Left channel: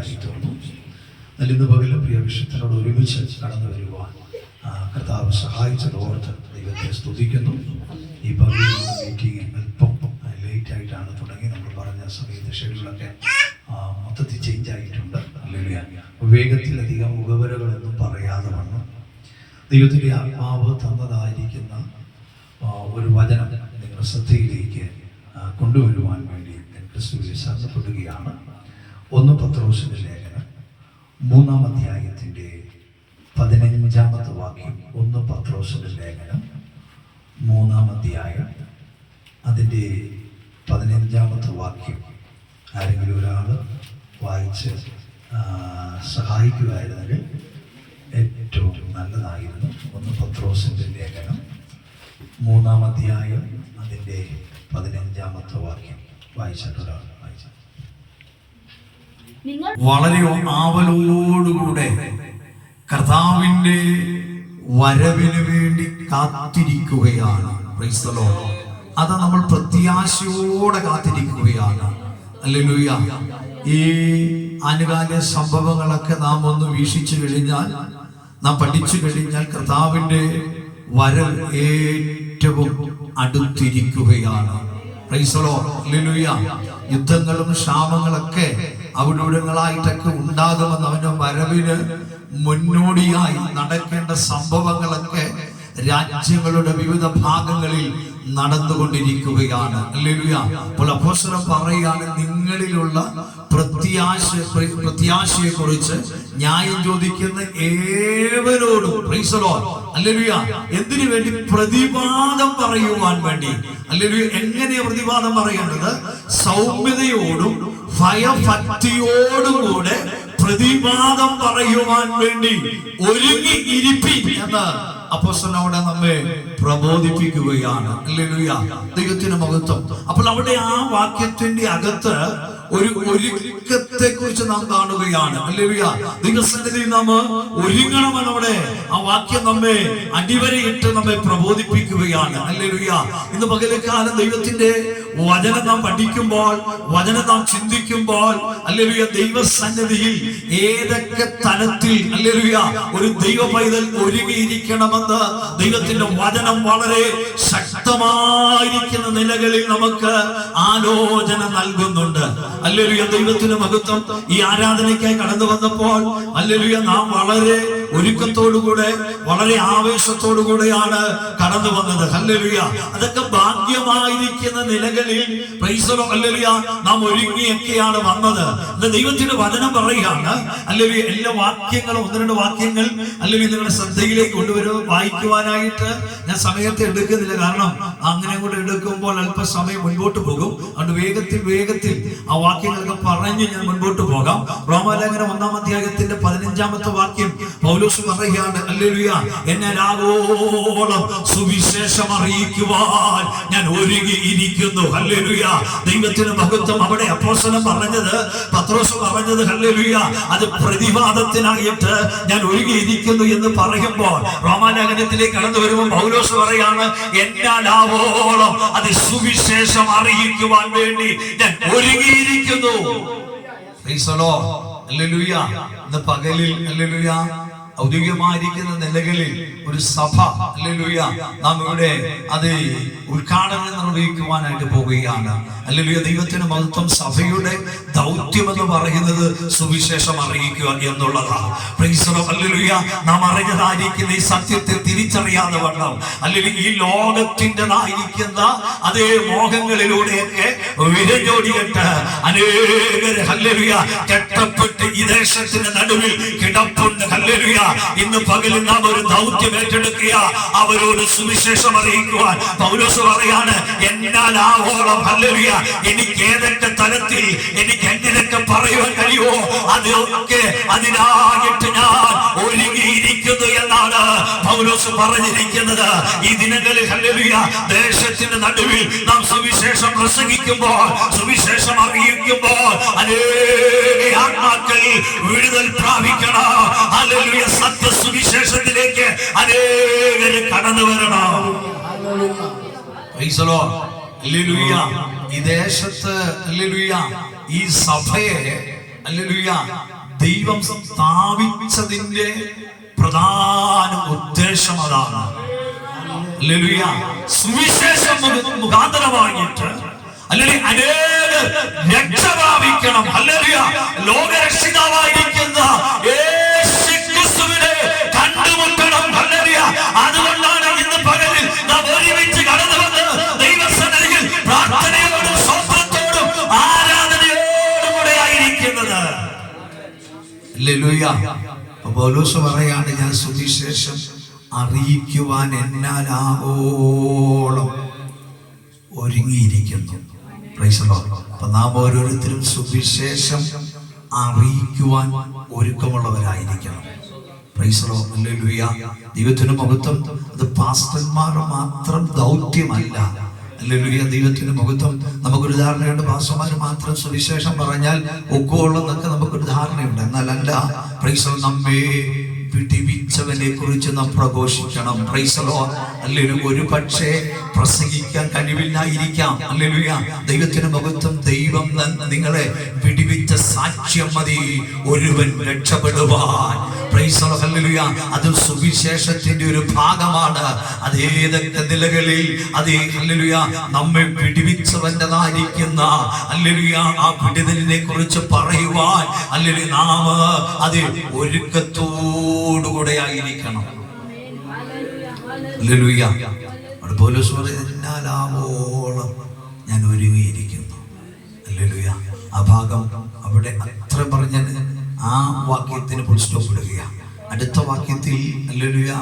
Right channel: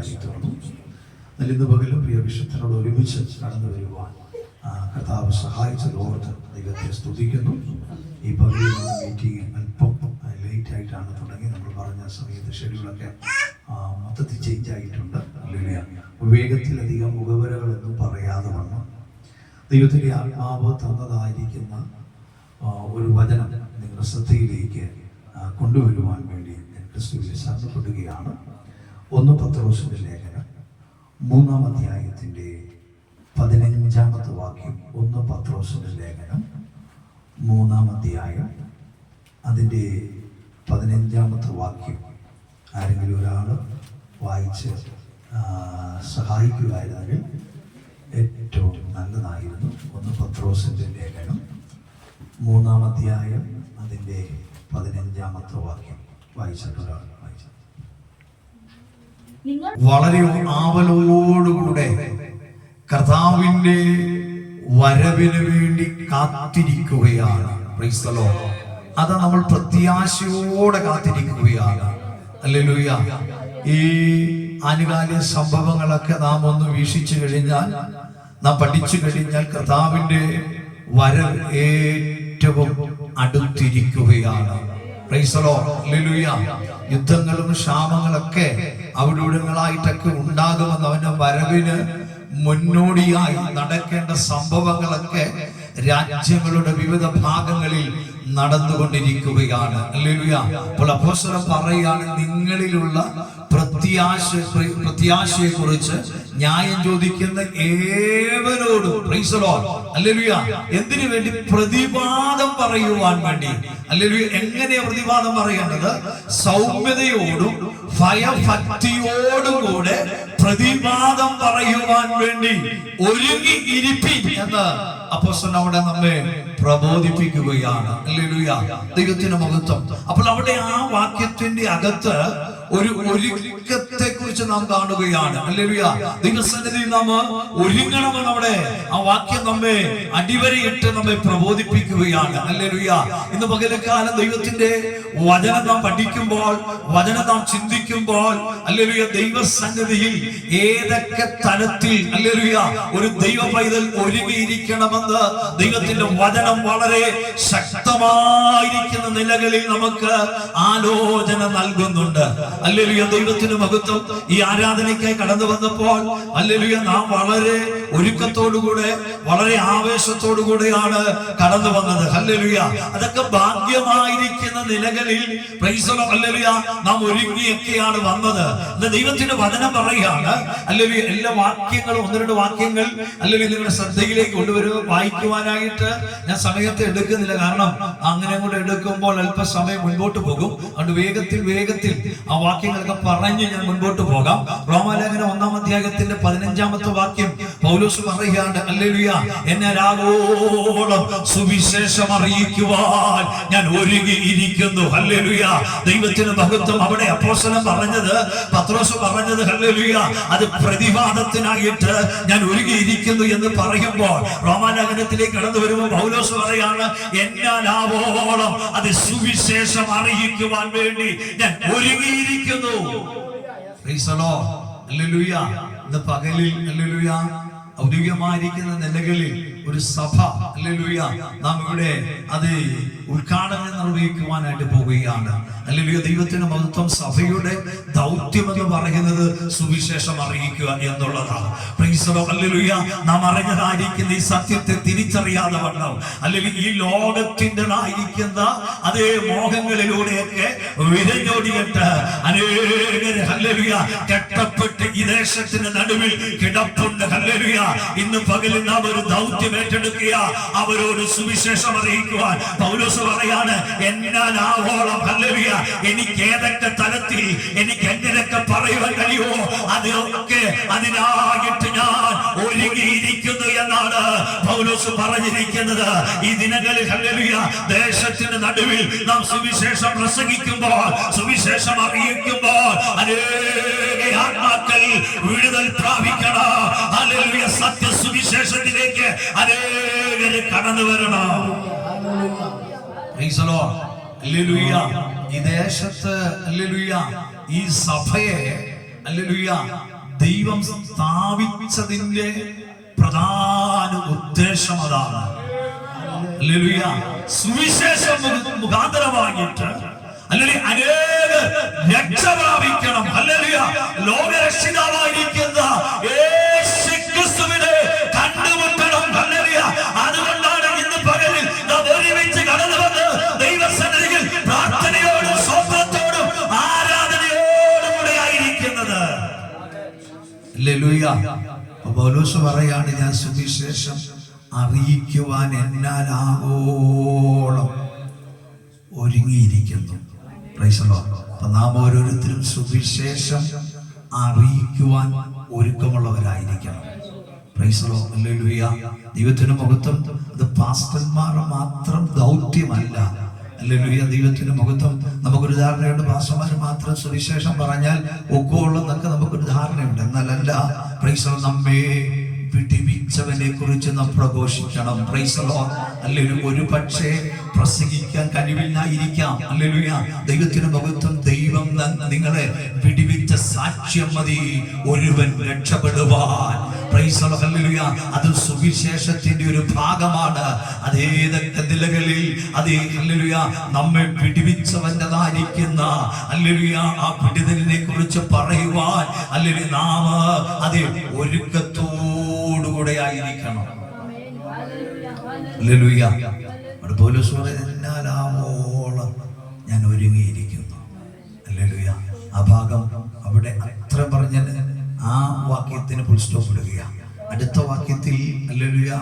പ്രത്യാശയായി തീർന്നു. ഇന്ന് പകൽ പ്രിയ വിശുദ്ധരോട് ഒരുമിച്ച് കടന്നു വരുവാൻ കർത്താവ് സഹായിച്ചതോർത്ത് ദൈവത്തെ സ്തുതിക്കുന്നു. ഈ പകലിൽ മീറ്റിംഗ് അല്പം ലേറ്റായിട്ടാണ് തുടങ്ങി. നമ്മൾ പറഞ്ഞ സമയത്ത് ഷെഡ്യൂളൊക്കെ മൊത്തത്തിൽ ചേഞ്ച് ആയിട്ടുണ്ട്. വേഗത്തിലധികം മുഖവരകളൊന്നും പറയാതെ വണ്ണം ദൈവത്തിൻ്റെ ആത്മാവ് തന്നതായിരിക്കുന്ന ഒരു വചനം നിങ്ങളുടെ ശ്രദ്ധയിലേക്ക് കൊണ്ടുവരുവാൻ വേണ്ടി ഞാൻ ക്രിസ്തുവിൽ ശരണപ്പെടുകയാണ്. 1 പത്രോസിന്റെ ലേഖനം 3-ാം അധ്യായത്തിൻ്റെ 15-ാമത്തെ വാക്യം. 1 പത്രോസിന്റെ ലേഖനം 3-ാം അധ്യായം അതിൻ്റെ 15-ാമത്തെ വാക്യം ആരെങ്കിലും ഒരാൾ വായിച്ച് സഹായിക്കുമായിരുന്നെങ്കിൽ ഏറ്റവും നല്ലതായിരുന്നു. 1 പത്രോസിന്റെ ലേഖനം 3-ാം അധ്യായം അതിൻ്റെ 15-ാമത്തെ വാക്യം വായിച്ചിട്ടൊരാൾ വായിച്ചു. വളരെ ആവലോടുകൂടെ കർത്താവിൻ്റെ വരവിന് വേണ്ടി കാത്തിരിക്കുകയാണ്. Price the Lord. അത് നമ്മൾ പ്രത്യാശയോടെ കാത്തിരിക്കുകയാണ്. ഹല്ലേലൂയ. ഈ ആനുകാലിക സംഭവങ്ങളൊക്കെ നാം ഒന്ന് വീക്ഷിച്ചു കഴിഞ്ഞാൽ, നാം പഠിച്ചു കഴിഞ്ഞാൽ കർത്താവിൻ്റെ വരവ് ഏറ്റവും അടുത്തിരിക്കുകയാണ്. Praise the lord. ഹല്ലേലൂയ. യുദ്ധങ്ങളും ക്ഷാമങ്ങളൊക്കെ അവിടൂടങ്ങളായിട്ടൊക്കെ ഉണ്ടാകുമെന്ന് അവന്റെ വരവിന് മുന്നോടിയായി നടക്കേണ്ട സംഭവങ്ങളൊക്കെ രാജ്യങ്ങളുടെ വിവിധ ഭാഗങ്ങളിൽ നടന്നുകൊണ്ടിരിക്കുകയാണ്. ഹല്ലേലൂയ. അപ്പോൾ അപ്പോസ്തലൻ പറയാണ്, നിങ്ങളിലുള്ള പ്രത്യാശയെ കുറിച്ച് ന്യായം ചോദിക്കുന്ന ഏവരോടും പ്രൈസ് ദി ലോർഡ്. ഹല്ലേലൂയ. എന്തിനു വേണ്ടി? പ്രതിവാദം പറയുവാൻ വേണ്ടി. ഹല്ലേലൂയ. എങ്ങനെയാ പ്രതിവാദം പറയേണ്ടത്? സൗമ്യതയോടും ഭയഭക്തിയോടും കൂടെ പ്രതിവാദം പറയുവാൻ വേണ്ടി ഒരുങ്ങി ഇരിപ്പിൻ എന്ന് അപ്പോസ്തലൻ അവിടെ നമ്മെ പ്രബോധിപ്പിക്കുകയാണ്. ഹല്ലേലൂയ. ദൈവത്തിന് മഹത്വം. അപ്പോൾ അവിടെ ആ വാക്യത്തിന്റെ അകത്ത് ഒരു ഒരുക്കത്തെ കുറിച്ച് നാം കാണുകയാണ്. ഹല്ലേലൂയ. ദൈവസന്നിധിയിൽ നാം ഒരുങ്ങണമെന്ന് അവിടെ ആ വാക്യം നമ്മെ അടിവരയിട്ട് നമ്മെ പ്രബോധിപ്പിക്കുകയാണ്. ഹല്ലേലൂയ. ഇന്ന് പകൽക്കാലം ദൈവത്തിന്റെ വചനം നാം പഠിക്കുമ്പോൾ, വചനം നാം ചിന്തിക്കുമ്പോൾ, ഹല്ലേലൂയ, ദൈവസന്നിധിയിൽ ഏതൊക്കെ തലത്തിൽ ഹല്ലേലൂയ ഒരു ദൈവ പൈതൽ ഒരുങ്ങിയിരിക്കണമെന്ന് ദൈവത്തിന്റെ വചനം വളരെ ശക്തമായിരിക്കുന്ന നിലകളിൽ നമുക്ക് ആലോചന നൽകുന്നുണ്ട്. ഹല്ലേലൂയ. ദൈവത്തിന് മഹത്വം. ഈ ആരാധനയ്ക്കായി കടന്നു വന്നപ്പോൾ ഹല്ലേലൂയ നാം വളരെ ഒരുക്കത്തോടുകൂടെ വളരെ ആവേശത്തോടുകൂടെയാണ് കടന്നു വന്നത്. ഹല്ലേലൂയ. അതൊക്കെ ഭാഗ്യമായിരിക്കുന്ന നിലകളിൽ പ്രൈസ് ദി ലോർഡ്. ഹല്ലേലൂയ. നാം ഒരുങ്ങിയൊക്കെയാണ് വന്നത്. ദൈവത്തിന്റെ വചനം പറയുകയാണ്. ഹല്ലേലൂയ. എല്ലാ വാക്യങ്ങളും 1-2 വാക്യങ്ങൾ ഹല്ലേലൂയ നിങ്ങളുടെ ശ്രദ്ധയിലേക്ക് കൊണ്ടുവരുക. വായിക്കുവാനായിട്ട് ഞാൻ സമയത്തെ എടുക്കുന്നില്ല, കാരണം അങ്ങനെ കൂടെ എടുക്കുമ്പോൾ അല്പസമയം മുൻപോട്ട് പോകും. അതുകൊണ്ട് വേഗത്തിൽ ആ വാക്യങ്ങളൊക്കെ പറഞ്ഞ് ഞാൻ മുൻപോട്ട് പോകാം. റോമാലേഖനം 1-ാം അധ്യായത്തിന്റെ 15-ാമത്തെ വാക്യം പൗലോസ് പറയുകയാണ്. ഹല്ലേലൂയ. എന്നെ രാഗോളം സുവിശേഷം അറിയിക്കുവാൻ ഞാൻ ഒരുങ്ങിയിരിക്കുന്നു. ഹല്ലേലൂയ. ദൈവത്തിന് മഹത്വം. അവിടെ അപ്പോസ്തലൻ പറഞ്ഞത്, പത്രോസ് പറഞ്ഞത് ഹല്ലേലൂയ, അത് പ്രതിവാദത്തിനായിട്ട് ഞാൻ ഒരുങ്ങിയിരിക്കുന്നു എന്ന് പറയുമ്പോൾ റോമാലേഖനത്തിലേക്ക് കടന്നു വരുമ്പോൾ പൗലോസ് പറയാണ്, എന്നാലാവോളം അത് സുവിശേഷം അറിയിക്കുവാൻ വേണ്ടി ഞാൻ ഒരുങ്ങിയിരിക്കുന്നു. Praise the lord. ഹല്ലേലൂയ. ഇന്ന് പകലിൽ ഹല്ലേലൂയ ഔദ്യോഗികമായിരിക്കുന്ന നിലകളിൽ ഒരു സഭ ഹല്ലേലൂയ നാം ഇവിടെ അത് ഉദ്ഘാടനം നിർവഹിക്കുവാനായിട്ട് പോവുകയാണ്. ഹല്ലേലൂയ. ദൈവത്തിന് മഹത്വം. സഭയുടെ ദൗത്യം എന്ന് പറയുന്നത് സുവിശേഷം അറിയിക്കുക എന്നുള്ളതാണ്. Price the lord. ഹല്ലേലൂയ. നാം അറിഞ്ഞതായിരിക്കുന്ന ഈ സത്യത്തെ തിരിച്ചറിയാതെ വണ്ണം അല്ലെങ്കിൽ ഈ ലോകത്തിൻ്റെതായിരിക്കുന്ന അതേ മോഹങ്ങളിലൂടെയൊക്കെ വിരജോടിയിട്ട് അനേകര് ഹല്ലേലൂയ കെട്ടപ്പെട്ട് ഈ ദേശത്തിന്റെ നടുവിൽ കിടപ്പുണ്ട്. ഹല്ലേലൂയ. ഇന്ന് പകലിൽ നാം ഒരു ദൗത്യം ഏറ്റെടുക്കുക, അവരോട് സുവിശേഷം അറിയിക്കുവാൻ. പൗലോസ് പറയാണ്, എന്നാലാവോളം ഹല്ലേലൂയ എനിക്ക് ഏതൊക്കെ തലത്തിൽ എനിക്ക് എങ്ങനെയൊക്കെ പറയുവാൻ കഴിയുമോ അതൊക്കെ അതിനായിട്ട് ഞാൻ ഒരുങ്ങിയിരിക്കുന്നു എന്നാണ് പൗലോസ് പറഞ്ഞിരിക്കുന്നത്. ഈ ദിനങ്ങളിൽ ഹല്ലേലൂയ ദേശത്തിന്റെ നടുവിൽ നാം സുവിശേഷം പ്രസംഗിക്കുമ്പോൾ, സുവിശേഷം അറിയിക്കുമ്പോൾ അനേക ആത്മാക്കൾ വിടുതൽ പ്രാപിക്കണം. ഹല്ലേലൂയ. സത്യസുവിശേഷത്തിലേക്ക് അനേകര് കടന്നു വരണം. Price the lord. ഹല്ലേലൂയ. ഈ ദേശത്ത് ഹല്ലേലൂയ ഈ സഭയെ ഹല്ലേലൂയ ദൈവം സ്ഥാപിച്ചതിന്റെ പ്രധാന ഉദ്ദേശം അതാണ്. ഹല്ലേലൂയ സുവിശേഷം മുഖാന്തരമായിട്ട് അല്ലെങ്കിൽ അനേക രക്ഷ പ്രാപിക്കണം. ഹല്ലേലൂയ ലോകരക്ഷിതാവായിരിക്കുന്ന യേശുക്രിസ്തുവിനെ കണ്ടുമുട്ടണം. ഹല്ലേലൂയ അതുകൊണ്ടാണ് ഇന്ന് പകലിൽ നാം ഒരുമിച്ച് കടന്നു വന്ന് ദൈവസന്നിധിയിൽ പ്രാർത്ഥനയോടും സ്തോത്രത്തോടും ആരാധനയോടും കൂടെ ആയിരിക്കുന്നത്. ഹല്ലേലൂയ. പൗലോസ് പറയാണ്, ഞാൻ സുവിശേഷം അറിയിക്കുവാൻ എന്നാലാവോളം ഒരുങ്ങിയിരിക്കുന്നു. Praise the lord. അപ്പൊ നാം ഓരോരുത്തരും സുവിശേഷം അറിയിക്കുവാൻ ഒരുക്കമുള്ളവരായിരിക്കണം. Praise the lord. ഹല്ലേലൂയ. ദൈവത്തിന് മഹത്വം. അത് പാസ്റ്റർമാർ മാത്രം ദൗത്യമല്ല. ഹല്ലേലൂയ. ദൈവത്തിന് മഹത്വം. നമുക്കൊരു ധാരണയുണ്ട്, പാസ്റ്റർമാർ മാത്രം സുവിശേഷം പറഞ്ഞാൽ ഒക്കോളെന്നൊക്കെ നമുക്കൊരു ധാരണയുണ്ട്. എന്നാലല്ല. Praise the lord. നമ്മെ വിടിവിച്ചവനെ കുറിച്ച് നാം പ്രഘോഷിക്കണം. Praise the lord. ഹല്ലേലൂയ. ഒരു പക്ഷേ പ്രസംഗിക്കാൻ കഴിവില്ലായിരിക്കാം. ഹല്ലേലൂയ. ദൈവത്തിന് മഹത്വം. ദൈവം നിങ്ങളെ വിടിവിച്ച സാക്ഷ്യം മതി ഒരുവൻ രക്ഷപ്പെടുവാൻ. Praise the lord. ഹല്ലേലൂയ. അത് സുവിശേഷത്തിന്റെ ഒരു ഭാഗമാണ്. അത് ഏതൊക്കെ നിലകളിൽ അത് ഹല്ലേലൂയ നമ്മെ വിടിവിച്ചവൻ്റെതായിരിക്കുന്ന ഹല്ലേലൂയ ആ വിടുതലിനെ കുറിച്ച് പറയുവാൻ ഹല്ലേലൂയ നാം അത് ഒരുക്കത്തോടുകൂടെ ആയിരിക്കണം. ഹല്ലേലൂയ. പൗലോസ് പറയുന്നതിനാലാവോളം ഞാൻ ഒരുങ്ങിയിരിക്കുന്നു. ഹല്ലേലൂയ. ആ ഭാഗം അവിടെ അത്ര പറഞ്ഞത് ആ വാക്യത്തിന് ഫുൾ സ്റ്റോപ്പ് ഇടുകയാണ്. അടുത്ത വാക്യത്തിൽ ഹല്ലേലൂയ